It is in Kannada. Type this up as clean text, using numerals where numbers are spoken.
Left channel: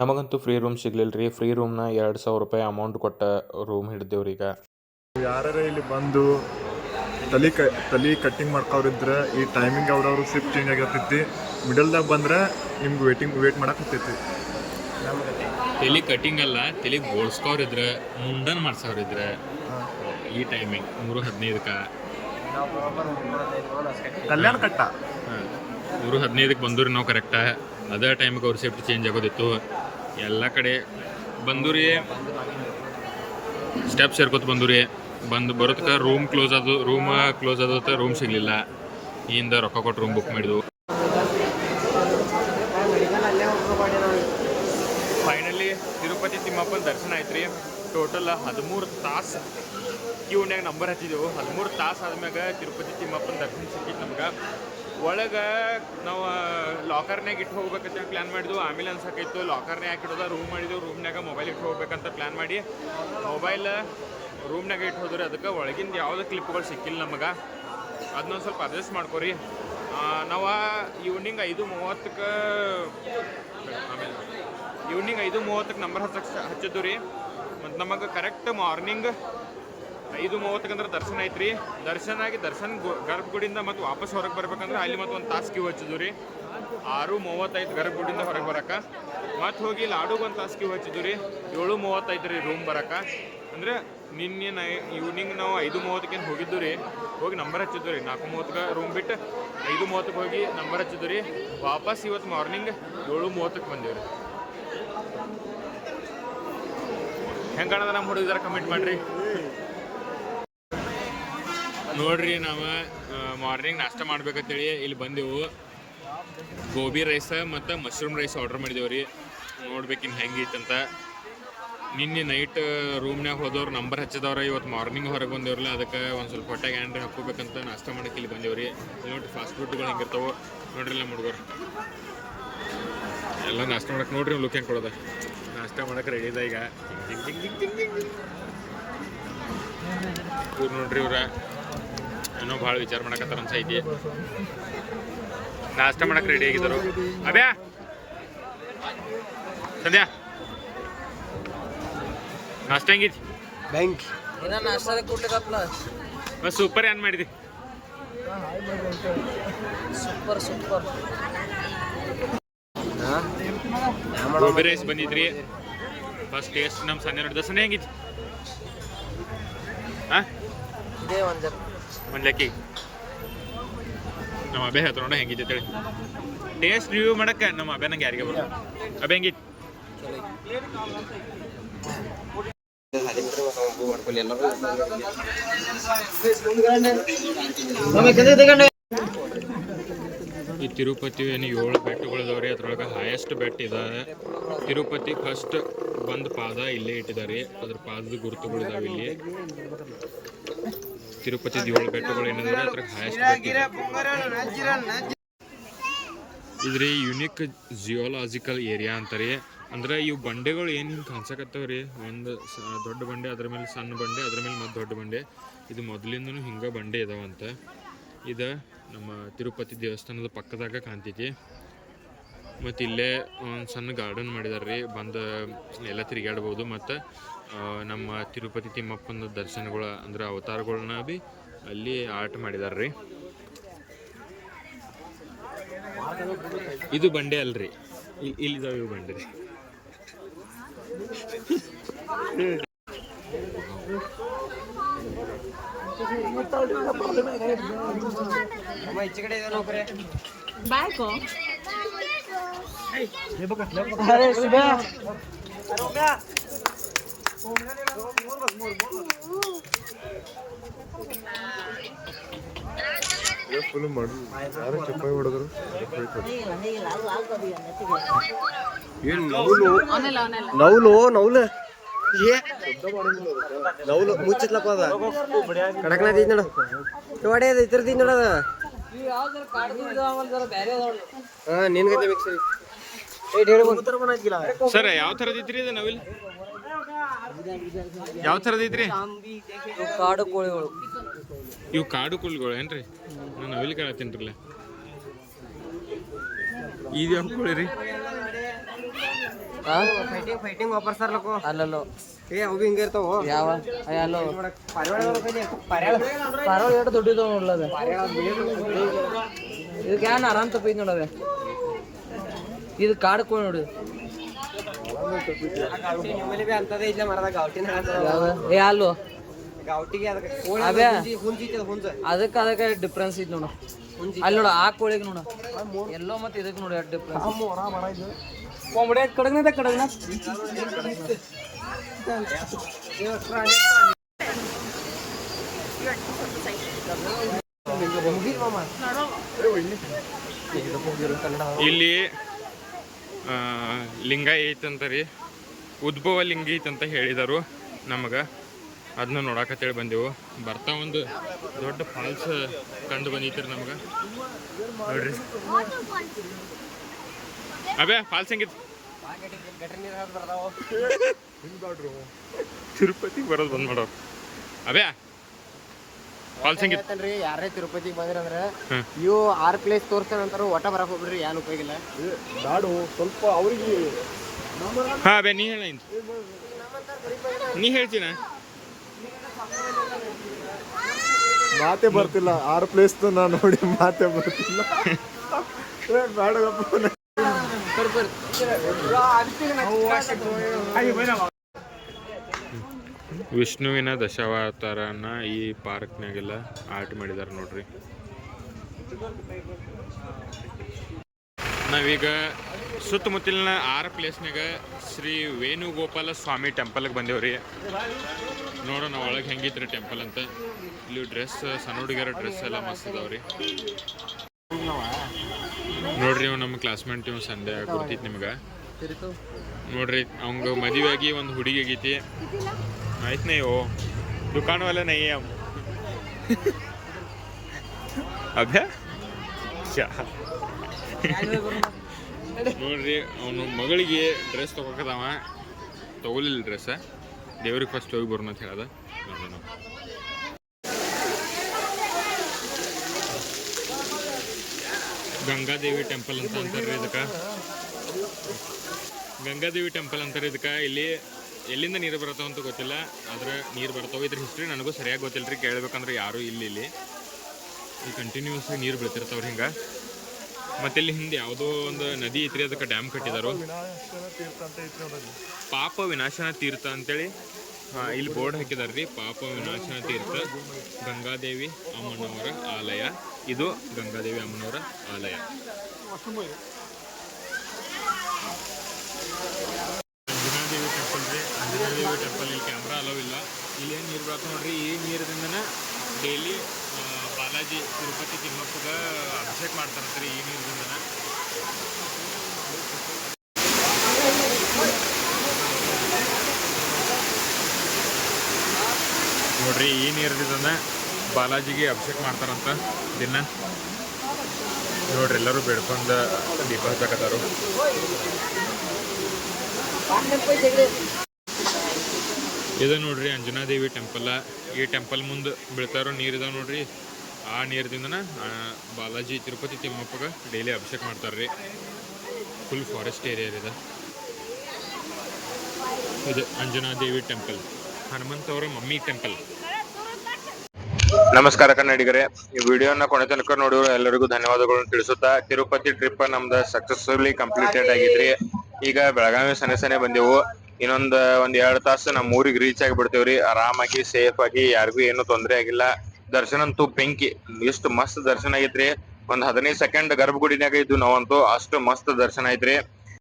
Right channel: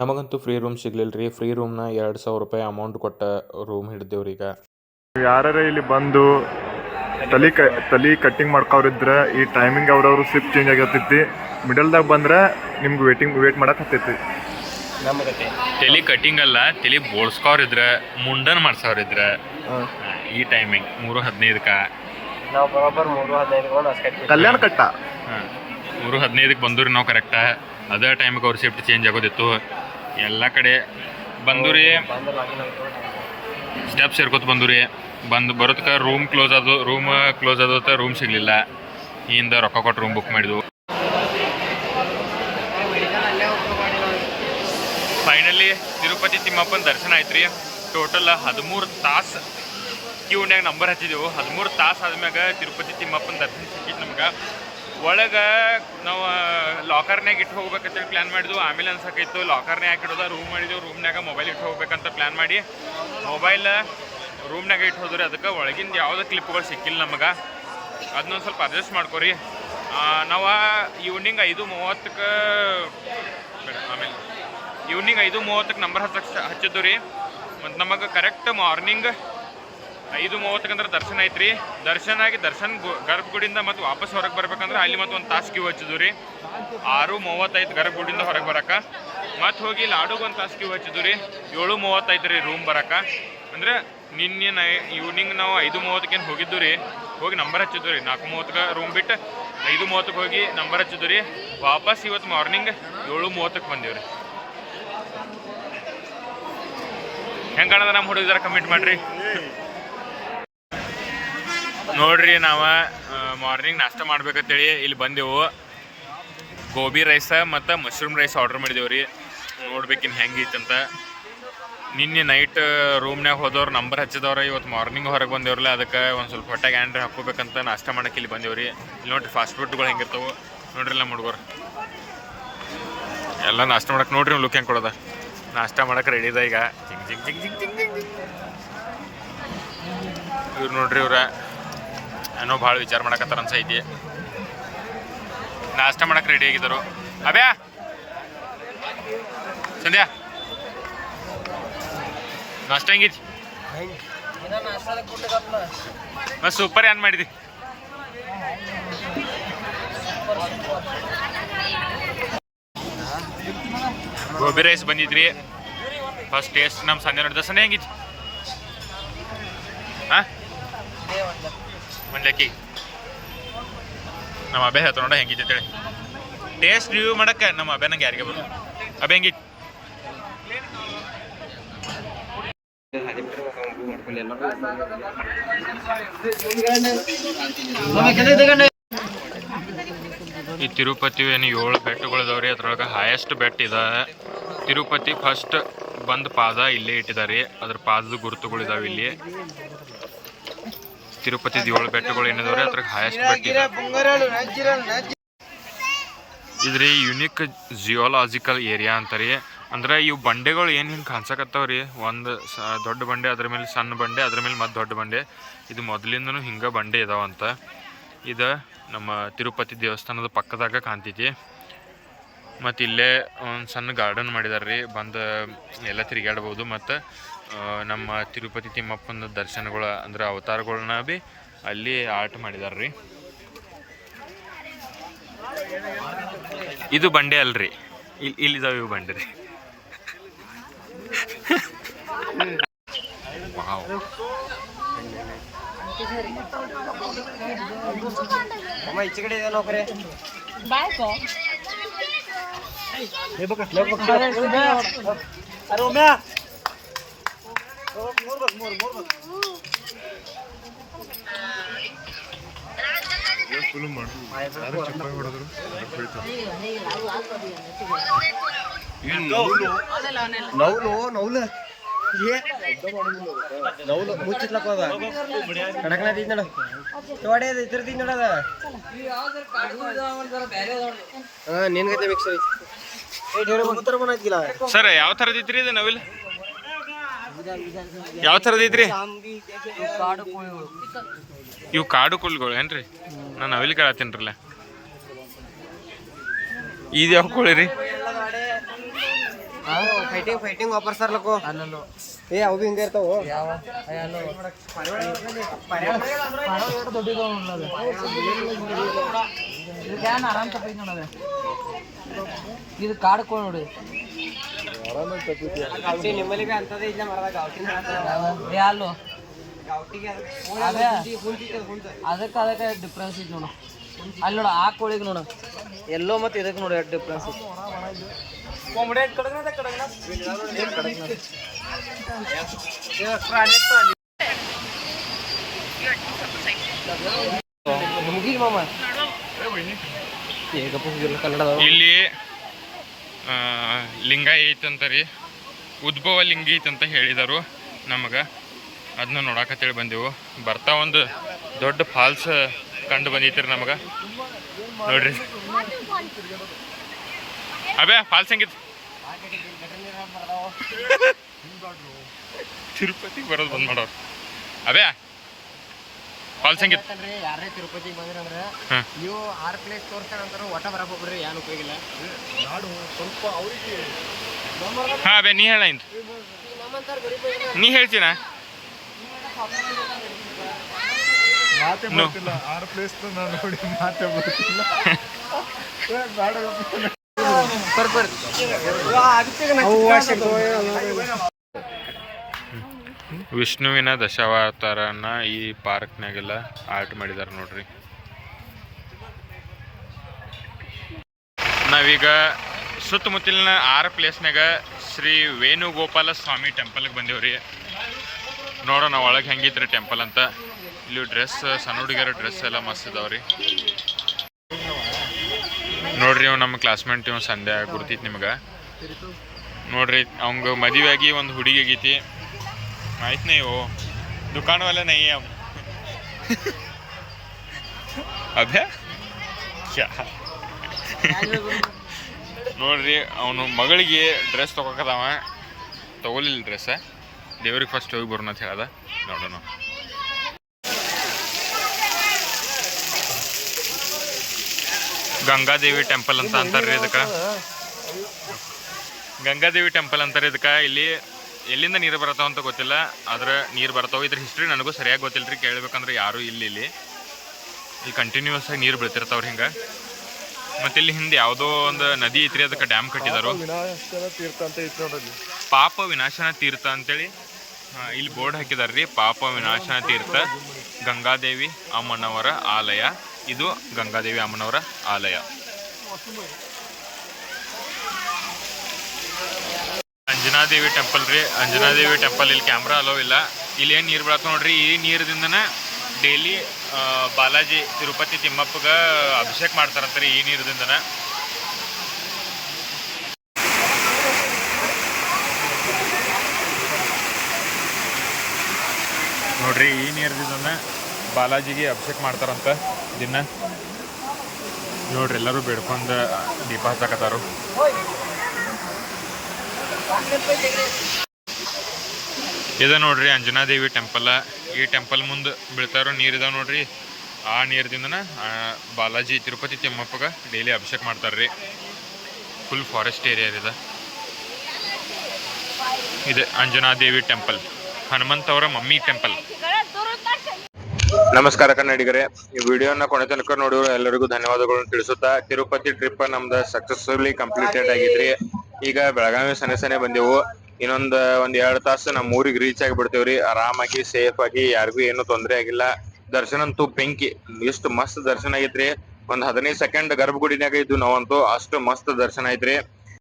ನಮಗಂತೂ ಫ್ರೀ ರೂಮ್ ಸಿಗ್ಲಿಲ್ಲ ರೀ. ಫ್ರೀ ರೂಮ್ನ 2,000 ರೂಪಾಯಿ ಅಮೌಂಟ್ ಕೊಟ್ಟ ರೂಮ್ ಹಿಡ್ದೇವ್ರಿ. ಈಗ ಯಾರ ಇಲ್ಲಿ ಬಂದು ತಲೆ ಕಟ್ಟಿಂಗ್ ಮಾಡ್ಕೋರಿದ್ರೆ ಈ ಟೈಮಿಂಗ್ ಅವ್ರವ್ರು ಶಿಫ್ಟ್ ಚೇಂಜ್ ಆಗಿರ್ತೈತಿ. ಮಿಡಲ್ದಾಗ ಬಂದ್ರೆ ನಿಮ್ಗೆ ವೇಟ್ ಮಾಡಕ್ಕೆ ಹತ್ತೈತಿ. ತಲೆ ಕಟ್ಟಿಂಗ್ ಅಲ್ಲ, ತಲೆ ಬೋಳ್ಸ್ಕೋರಿದ್ರೆ ಮುಂಡನ್ ಮಾಡ್ಸೋರಿದ್ರೆ ಈ ಟೈಮಿಂಗ್ 3:15ಕ್ಕೆ ಕಲ್ಯಾಣ ಕಟ್ಟ 3:15ಕ್ಕೆ ಬಂದೂರಿ ನಾವು ಕರೆಕ್ಟ. ಅದೇ ಟೈಮಿಗೆ ಅವ್ರ ಶಿಫ್ಟ್ ಚೇಂಜ್ ಆಗೋದಿತ್ತು. ಎಲ್ಲ ಕಡೆ ಬಂದೂರಿ, ಸ್ಟೆಪ್ ಸೇರ್ಕೊತ ಬಂದೂರಿ. ಬರೋದಕ್ಕೆ ರೂಮ್ ಕ್ಲೋಸ್ ಆದೋತ ರೂಮ್ ಸಿಗಲಿಲ್ಲ. ಹಿಂದೆ ರೊಕ್ಕ ಕೊಟ್ಟು ರೂಮ್ ಬುಕ್ ಮಾಡಿದ್ವು. ಫೈನಲಿ ತಿರುಪತಿ ತಿಮ್ಮಪ್ಪನ ದರ್ಶನ ಆಯ್ತು ರೀ. ಟೋಟಲ್ 13 ತಾಸು ಕ್ಯೂನ್ಯಾಗ ನಂಬರ್ ಹಚ್ಚಿದೆವು. 13 ತಾಸು ಆದ್ಮ್ಯಾಗ ತಿರುಪತಿ ತಿಮ್ಮಪ್ಪನ ದರ್ಶನ ಸಿಕ್ಕಿತ್ತು ನಮ್ಗೆ. ಒಳಗೆ ನಾವು ಲಾಕರ್ನಾಗ ಇಟ್ಟು ಹೋಗ್ಬೇಕಂತೇಳಿ ಪ್ಲ್ಯಾನ್ ಮಾಡಿದ್ವು. ಆಮೇಲೆ ಅನ್ಸಕ್ಕಿತ್ತು ಲಾಕರ್ನಾಗ ಹಾಕಿಡೋದ ರೂಮ್ ಮಾಡಿದೆವು. ರೂಮ್ನಾಗ ಮೊಬೈಲ್ ಇಟ್ಟು ಹೋಗ್ಬೇಕಂತ ಪ್ಲ್ಯಾನ್ ಮಾಡಿ ಮೊಬೈಲ್ ರೂಮ್ನಾಗ ಇಟ್ಟು ಹೋದ್ರಿ. ಅದಕ್ಕೆ ಒಳಗಿಂದ ಯಾವುದೇ ಕ್ಲಿಪ್ಗಳು ಸಿಕ್ಕಿಲ್ಲ ನಮಗೆ. ಅದನ್ನೊಂದು ಸ್ವಲ್ಪ ಅಡ್ಜಸ್ಟ್ ಮಾಡ್ಕೊರಿ. ನಾವು ಈವ್ನಿಂಗ್ 5:30ಕ್ಕೆ ಆಮೇಲೆ ಈವ್ನಿಂಗ್ 5:30ಕ್ಕೆ ನಂಬರ್ ಹಚ್ಚಿದ್ದು ರೀ. ಮತ್ತು ನಮಗೆ ಕರೆಕ್ಟ್ ಮಾರ್ನಿಂಗ್ 5:30ಕ್ಕೆ ಅಂದ್ರೆ ದರ್ಶನ ಐತ್ರಿ. ದರ್ಶನ ಗರ್ಭಗುಡಿಯಿಂದ ಮತ್ತು ವಾಪಸ್ ಹೊರಗೆ ಬರ್ಬೇಕಂದ್ರೆ ಅಲ್ಲಿ ಮತ್ತು ಒಂದು ತಾಸು ಕ್ಯೂ ಹಚ್ಚಿದ್ವು ರೀ. 6:35 ಗರ್ಭಗುಡಿಯಿಂದ ಹೊರಗೆ ಬರೋಕೆ. ಮತ್ತು ಹೋಗಿ ಲಾಡುಗೆ ಒಂದು ತಾಸು ಕ್ಯೂ ಹಚ್ಚಿದ್ವು ರೀ. 7:35 ರೀ ರೂಮ್ ಬರೋಕೆ. ಅಂದರೆ ನಿನ್ನೆ ಈವ್ನಿಂಗ್ ನಾವು 5:30ಕ್ಕೆ ಹೋಗಿದ್ದು ರೀ. ಹೋಗಿ ನಂಬರ್ ಹಚ್ಚಿದ್ದು ರೀ. 4:30ಕ್ಕೆ ರೂಮ್ ಬಿಟ್ಟು 5:30ಕ್ಕೆ ಹೋಗಿ ನಂಬರ್ ಹಚ್ಚಿದ್ದು ರೀ. ವಾಪಸ್ ಇವತ್ತು ಮಾರ್ನಿಂಗ್ 7:30ಕ್ಕೆ ಬಂದೀವಿ ರೀ. ಹೆಂಗೆ ಕಾಣದ ನಮ್ಮ ಹುಡುಗರ ಕಮೆಂಟ್ ಮಾಡಿರಿ. ನೋಡ್ರಿ, ನಾವು ಮಾರ್ನಿಂಗ್ ನಾಷ್ಟ ಮಾಡ್ಬೇಕಂತೇಳಿ ಇಲ್ಲಿ ಬಂದೆವು. ಗೋಬಿ ರೈಸ ಮತ್ತು ಮಶ್ರೂಮ್ ರೈಸ್ ಆರ್ಡ್ರ್ ಮಾಡಿದೆವು ರೀ. ನೋಡ್ಬೇಕಿನ್ನು ಹೆಂಗಿತ್ತಂತ. ನಿನ್ನೆ ನೈಟ್ ರೂಮ್ನಾಗ ಹೋದವ್ರು ನಂಬರ್ ಹಚ್ಚಿದವ್ರು ಇವತ್ತು ಮಾರ್ನಿಂಗ್ ಹೊರಗೆ ಬಂದೇವ್ರಲ್ಲ. ಅದಕ್ಕೆ ಒಂದು ಸ್ವಲ್ಪ ಹೊಟ್ಟೆಗೆ ಆ್ಯಂಡ್ರೆ ಹಾಕೋಬೇಕಂತ ನಾಷ್ಟ ಮಾಡೋಕೆ ಇಲ್ಲಿ ಬಂದೇವ್ರಿ. ಇಲ್ಲಿ ನೋಡ್ರಿ ಫಾಸ್ಟ್ ಫುಡ್ಗಳು ಹೆಂಗಿರ್ತಾವೆ ನೋಡ್ರಿ. ನಮ್ಮ ಹುಡುಗರು ಎಲ್ಲ ನಾಷ್ಟ ಮಾಡಕ್ಕೆ ನೋಡ್ರಿ ಲುಕ್ ಹೆಂಗೆ ಕೊಡೋದ. ನಾಷ್ಟ ಮಾಡಕ್ಕೆ ರೆಡಿ ಇದೆ ಈಗ. ಜಿಂಗ್ ಜಿಂಗ್ ಜಿಂಗ್ ಜಿಂಗ್ ಜಿಂಗ್ ಜಿಂಗ್ ಜಿಂಗ್. ಇವ್ರು ನೋಡ್ರಿ, ಏನೋ ಭಾಳ ವಿಚಾರ ಮಾಡಕತ್ತಾರ ಅನ್ಸೈತಿ. ನಾಷ್ಟ ಮಾಡಕ್ಕೆ ರೆಡಿ ಆಗಿದ್ದರು. ಅಬ್ಯಾ ಸಂಧ್ಯಾ ನಾಷ್ಟ ಹೆಂಗಿತ್ತು? ಸೂಪರ್. ಏನ್ ಮಾಡಿದಿ? ಗೋಬಿ ರೈಸ್ ಬಂದಿದ್ರಿ. ಫಸ್ಟ್ ಟೇಸ್ಟ್ ನಮ್ಮ ಸಂಜೆ ನೋಡಿದ. ಸಂಜೆ ಹೆಂಗಿತ್ತು? ಹಾಂ, ಒಂದು ಲೆಕ್ಕಿ ನಮ್ಮ ಅಭ್ಯ ಹೇಳ್ತ ನೋಡ ಹೆಂಗಿತ್ತು ಅಂತೇಳಿ. ಟೇಸ್ಟ್ ರಿವ್ಯೂ ಮಾಡಕ್ಕೆ ನಮ್ಮ ಅಭ್ಯ ನಂಗೆ ಯಾರಿಗೆ ಬರು. ಅಭ್ಯ ಹೆಂಗಿತ್ತು? ಈ ತಿರುಪತಿ ಏನು 7 ಬೆಟ್ಟಗಳಿದಾವ್ರಿ. ಅದ್ರೊಳಗೆ ಹೈಯೆಸ್ಟ್ ಬೆಟ್ಟ ಇದೆ ತಿರುಪತಿ. ಫಸ್ಟ್ ಬಂದು ಪಾದ ಇಲ್ಲೇ ಇಟ್ಟಿದ್ದಾರೆ. ಅದ್ರ ಪಾದದ ಗುರುತುಗಳಿದಾವೆ ಇಲ್ಲಿ. ತಿರುಪತಿದ 7 ಬೆಟ್ಟಗಳು ಏನಿದಾವ್ರಿ ಅದ್ರಾಗ ಹೈಯೆಸ್ಟ್ ಬೆಟ್ಟ ಇದೆ. ಇದ್ರಿ ಯುನಿಕ್ ಜಿಯೋಲಾಜಿಕಲ್ ಏರಿಯಾ ಅಂತಾರೆ. ಅಂದ್ರೆ ಇವು ಬಂಡೆಗಳು ಏನು ಹಿಂಗೆ ಕಾಣಿಸಕತ್ತಾವ್ರಿ. ಒಂದು ದೊಡ್ಡ ಬಂಡೆ, ಅದ್ರ ಮೇಲೆ ಸಣ್ಣ ಬಂಡೆ, ಅದ್ರ ಮೇಲೆ ಮತ್ತೆ ದೊಡ್ಡ ಬಂಡೆ. ಇದು ಮೊದಲಿಂದನೂ ಹಿಂಗೆ ಬಂಡೆ ಇದಾವಂತ. ಇದು ನಮ್ಮ ತಿರುಪತಿ ದೇವಸ್ಥಾನದ ಪಕ್ಕದಾಗ ಕಾಣ್ತೈತಿ. ಮತ್ತು ಇಲ್ಲೇ ಒಂದು ಸಣ್ಣ ಗಾರ್ಡನ್ ಮಾಡಿದಾರೆ ರೀ. ಬಂದು ಎಲ್ಲ ತಿರುಗಾಡ್ಬೋದು. ಮತ್ತು ನಮ್ಮ ತಿರುಪತಿ ತಿಮ್ಮಪ್ಪನ ದರ್ಶನಗಳು ಅಂದ್ರೆ ಅವತಾರಗಳನ್ನ ಭೀ ಅಲ್ಲಿ ಆರ್ಟ್ ಮಾಡಿದಾರೆ ರೀ. ಇದು ಬಂಡೆ ಅಲ್ರಿ, ಇಲ್ಲಿದಾವೆ ಇವು ಬಂಡೆ ರೀ. ಫುಲ್ ಮಾಡ್ರು ಯಾರು ಚಪ್ಪಾಯಿ ಹೊಡೆದ್ರು ಅದಕ್ಕೆ ಹೋಯ್ತು. ನೌಲು ಮುಚ್ಚಿತ್ಲಪ್ಪ ಅದ ಕಡಕ್ನ ಐತಿ ನೋಡ. ತೋಡೆ ಅದು ಇದ್ರದ್ದು ನೋಡದ. ಹಾಂ, ನಿನ್ಗೈತೆ ಮಿಕ್ಸ್ ಐತಿ. ಸರ್ ಯಾವ ಥರದ್ದು ಐತ್ರಿ ಇದು ನವಿಲ್? ಯಾವ ಥರದ್ದು ಐತ್ರಿ? ಇವು ಕಾಡು ಕೋಳಿಗಳು ಏನ್ರಿ? ನಾನು ನವಿಲ್ ಕೇಳತ್ತೀನಿರಲ್ಲ. ಇದು ಯಾವ ಕೋಳಿ ರೀ? ಫೈಟಿಂಗ್ ವಾಪರ್ಸಾರ್ಲಕ್ಕೋ ಅಲ್ಲೋ ಏ ಅವು ಹಿಂಗೆ ಇರ್ತಾವ ಯಾವ ಅಲ್ಲೋ ಪಾರೋ ಎಷ್ಟು ದೊಡ್ಡದು ನೋಡ್ಲದ ಇದಕ್ಕೆ ಏನು ಆರಾಮ್ ತಪ್ಪೈತಿ ನೋಡದೆ ಇದು ಕಾಡ್ಕೊ ನೋಡು ನಿಮ್ಮಲ್ಲಿ ಅಂತದೇ ಇಲ್ಲ ಮರದ ಗಾವಟಿನ ಏ ಅಲ್ಲೋ ಗಾವಟಿಗೆ ಅದಕ್ಕೆ ಡಿಫ್ರೆನ್ಸ್ ಐತಿ ನೋಡು ಅಲ್ಲಿ ನೋಡು ಆ ಕೋಳಿಗೆ ನೋಡು ಎಲ್ಲೋ ಮತ್ತೆ ಇದಕ್ಕೆ ನೋಡು ಡಿಫ್ರೆನ್ಸ್ ಇಲ್ಲಿ ಲಿಂಗ ಐತಂತ ರೀ, ಉದ್ಭವ ಲಿಂಗ ಐತಂತ ಹೇಳಿದರು ನಮಗೆ. ಅದನ್ನ ನೋಡಕತ್ತೇಳಿ ಬಂದೆವು. ಬರ್ತಾ ಒಂದು ದೊಡ್ಡ ಫಾಲ್ಸ್ ಕಂಡು ಬಂದೈತ್ರಿ ನಮಗೆ. ನೋಡ್ರಿ ಅಬೇ ಫಾಲ್ಸ್ ಹೆಂಗಿತ್ತು? ತಿರುಪತಿಗೆ ಬರೋದು ಬಂದ್ ಮಾಡೋರು. ಅಬೇ ಫಾಲ್ಸ್ ಹೆಂಗಿತ್ತು? ಯಾರೇ ತಿರುಪತಿಗೆ ಬಂದ್ರಂದ್ರೆ ನೀವು 6 ಪ್ಲೇಸ್ ತೋರಿಸ್ತೇವೆ ಅಂತಾರು ಒಟ್ಟ ಬರಕ್ ಹೋಗ್ಬಿಡ್ರಿ, ಏನು ಉಪಯೋಗ ಇಲ್ಲ. ಸ್ವಲ್ಪ ಅವ್ರಿಗೆ ಹಾಂ ಅಬೇ ನೀ ಹೇಳ ಇಂತ ನೀ ಹೇಳ್ತೀನ ಮಾತೆ ಬರ್ತಿಲ್ಲ. 6 ಪ್ಲೇಸ್ ನಾನು ನೋಡಿ ಮಾತೆ ಬರ್ತಿಲ್ಲ. ವಿಷ್ಣುವಿನ ದಶಾವತಾರನ ಈ ಪಾರ್ಕ್ನಾಗೆಲ್ಲ ಆರ್ಟ್ ಮಾಡಿದಾರೆ ನೋಡ್ರಿ. ನಾವೀಗ ಸುತ್ತಮುತ್ತಲಿನ 6 ಪ್ಲೇಸ್ನಾಗ ಶ್ರೀ ವೇಣುಗೋಪಾಲ ಸ್ವಾಮಿ ಟೆಂಪಲ್ಗೆ ಬಂದೇವ್ರಿ. ನೋಡೋಣ ಒಳಗೆ ಹೆಂಗಿತ್ರಿ ಟೆಂಪಲ್ ಅಂತ. ಇಲ್ಲಿ ಡ್ರೆಸ್, ಸಣ್ಣ ಹುಡುಗಿಯರ ಡ್ರೆಸ್ ಎಲ್ಲ ಮಸ್ತ್ ಇದಾವ್ರಿ. ನೋಡ್ರಿ ಇವ್ ನಮ್ಮ ಕ್ಲಾಸ್ಮೇಟ್, ಇವ್ ಸಂಧ್ಯಾ ಗುರ್ತೈತಿ ನಿಮ್ಗೆ. ನೋಡ್ರಿ ಅವಂಗ ಮದುವೆ ಆಗಿ ಒಂದು ಹುಡುಗಿ ಆಗೈತಿ. ಆಯ್ತು ನೈ ಓ ದುಕಾನ್ ವಾಲ ನೈ ಅಭ್ಯಾ ನೋಡ್ರಿ ಅವನು ಮಗಳಿಗೆ ಡ್ರೆಸ್ ತೊಗೊಕದವ, ತಗೊಲಿಲ್ಲ ಡ್ರೆಸ್. ದೇವ್ರಿಗೆ ಫಸ್ಟ್ ಹೋಗಿ ಬರೋಣ ಅಂತ ಹೇಳ್ದ. ನೋಡೋಣ. ಗಂಗಾದೇವಿ ಟೆಂಪಲ್ ಅಂತ ಅಂತಾರ್ರಿ ಇದಕ್ಕೆ. ಗಂಗಾದೇವಿ ಟೆಂಪಲ್ ಅಂತಾರೆ ಇದಕ್ಕೆ. ಇಲ್ಲಿ ಎಲ್ಲಿಂದ ನೀರು ಬರ್ತಾವ ಅಂತ ಗೊತ್ತಿಲ್ಲ, ಆದ್ರೆ ನೀರು ಬರ್ತಾವೆ. ಇದ್ರ ಹಿಸ್ಟ್ರಿ ನನಗೂ ಸರಿಯಾಗಿ ಗೊತ್ತಿಲ್ಲ ರೀ. ಕೇಳ್ಬೇಕಂದ್ರೆ ಯಾರೂ ಇಲ್ಲಿ ಕಂಟಿನ್ಯೂಸ್ ಆಗಿ ನೀರು ಬೀಳ್ತಿರ್ತಾವ್ರಿ ಹಿಂಗೆ. ಮತ್ತು ಇಲ್ಲಿ ಹಿಂದೆ ಯಾವುದೋ ಒಂದು ನದಿ ಐತ್ರಿ, ಅದಕ್ಕೆ ಡ್ಯಾಮ್ ಕಟ್ಟಿದಾರು. ಪಾಪ ವಿನಾಶನ ತೀರ್ಥ ಅಂತೇಳಿ ಇಲ್ಲಿ ಬೋರ್ಡ್ ಹಾಕಿದಾರೆ ರೀ. ಪಾಪ ವಿನಾಶನ ತೀರ್ಥ ಗಂಗಾದೇವಿ ಅಮ್ಮನವರ ಆಲಯ. ಇದು ಗಂಗಾದೇವಿ ಅಮ್ಮನವರ ಆಲಯ. ಅಂಜನಾದೇವಿ ಟೆಂಪಲ್ ರೀ. ಅಂಜನಾದೇವಿ ಟೆಂಪಲ್ ಇಲ್ಲಿ ಕ್ಯಾಮ್ರಾ ಅಲೋ ಇಲ್ಲ. ಇಲ್ಲಿ ಏನು ನೀರು ಬೀಳತ್ತ ನೋಡ್ರಿ. ಈ ನೀರದಿಂದನೇ ಡೈಲಿ ಬಾಲಾಜಿ ತಿರುಪತಿ ತಿಮ್ಮಪ್ಪಗೆ ಅಭಿಷೇಕ ಮಾಡ್ತಾರಂತಾರೆ ಈ ನೀರದಿಂದನೇ. ನೋಡ್ರಿ ಈ ನೀರದಿಂದನೇ ಬಾಲಾಜಿಗೆ ಅಭಿಷೇಕ ಮಾಡ್ತಾರಂತ ದಿನ. ನೋಡ್ರಿ ಎಲ್ಲರೂ ಬೇಡ್ಕೊಂಡು ದೀಪ ಹಚ್ಚಾಕತ್ತಾರು. ಇದು ನೋಡ್ರಿ ಅಂಜನಾದೇವಿ ಟೆಂಪಲ್. ಈ ಟೆಂಪಲ್ ಮುಂದೆ ಬೀಳ್ತಾರೋ ನೀರಿದಾವೆ ನೋಡ್ರಿ. ಆ ನೀರದಿಂದನ ಬಾಲಾಜಿ ತಿರುಪತಿ ತಿಮ್ಮಪ್ಪಗೆ ಡೈಲಿ ಅಭಿಷೇಕ ಮಾಡ್ತಾರ್ರಿ. ಫುಲ್ ಫಾರೆಸ್ಟ್ ಏರಿಯಾ ಇದೆ. ಇದು ಅಂಜನಾದೇವಿ ಟೆಂಪಲ್, ಹನುಮಂತವರ ಮಮ್ಮಿ ಟೆಂಪಲ್. ನಮಸ್ಕಾರ ಕನ್ನಡಿಗರೇ, ಈ ವಿಡಿಯೋನ ಕೊನೆ ತನಕ ನೋಡಿರೋ ಎಲ್ಲರಿಗೂ ಧನ್ಯವಾದಗಳನ್ನು ತಿಳಿಸುತ್ತಾ, ತಿರುಪತಿ ಟ್ರಿಪ್ ನಮ್ದು ಸಕ್ಸಸ್ಫುಲಿ ಕಂಪ್ಲೀಟೆಡ್ ಆಗಿದ್ರಿ. ಈಗ ಬೆಳಗಾವಿ ಸನೆ ಬಂದೆವು. ಇನ್ನೊಂದು 2 ತಾಸು ನಮ್ಮ ಊರಿಗೆ ರೀಚ್ ಆಗಿಬಿಡ್ತೇವ್ರಿ. ಆರಾಮಾಗಿ ಸೇಫ್ ಆಗಿ, ಯಾರಿಗೂ ಏನು ತೊಂದರೆ ಆಗಿಲ್ಲ. ದರ್ಶನ ಅಂತೂ ಬೆಂಕಿ, ಎಷ್ಟು ಮಸ್ತ್ ದರ್ಶನ ಆಗೈತ್ರಿ. ಒಂದು 15 ಸೆಕೆಂಡ್ ಗರ್ಭಗುಡಿನಾಗ ಇದ್ದು ನಾವಂತೂ, ಅಷ್ಟು ಮಸ್ತ್ ದರ್ಶನ ಐತ್ರಿ.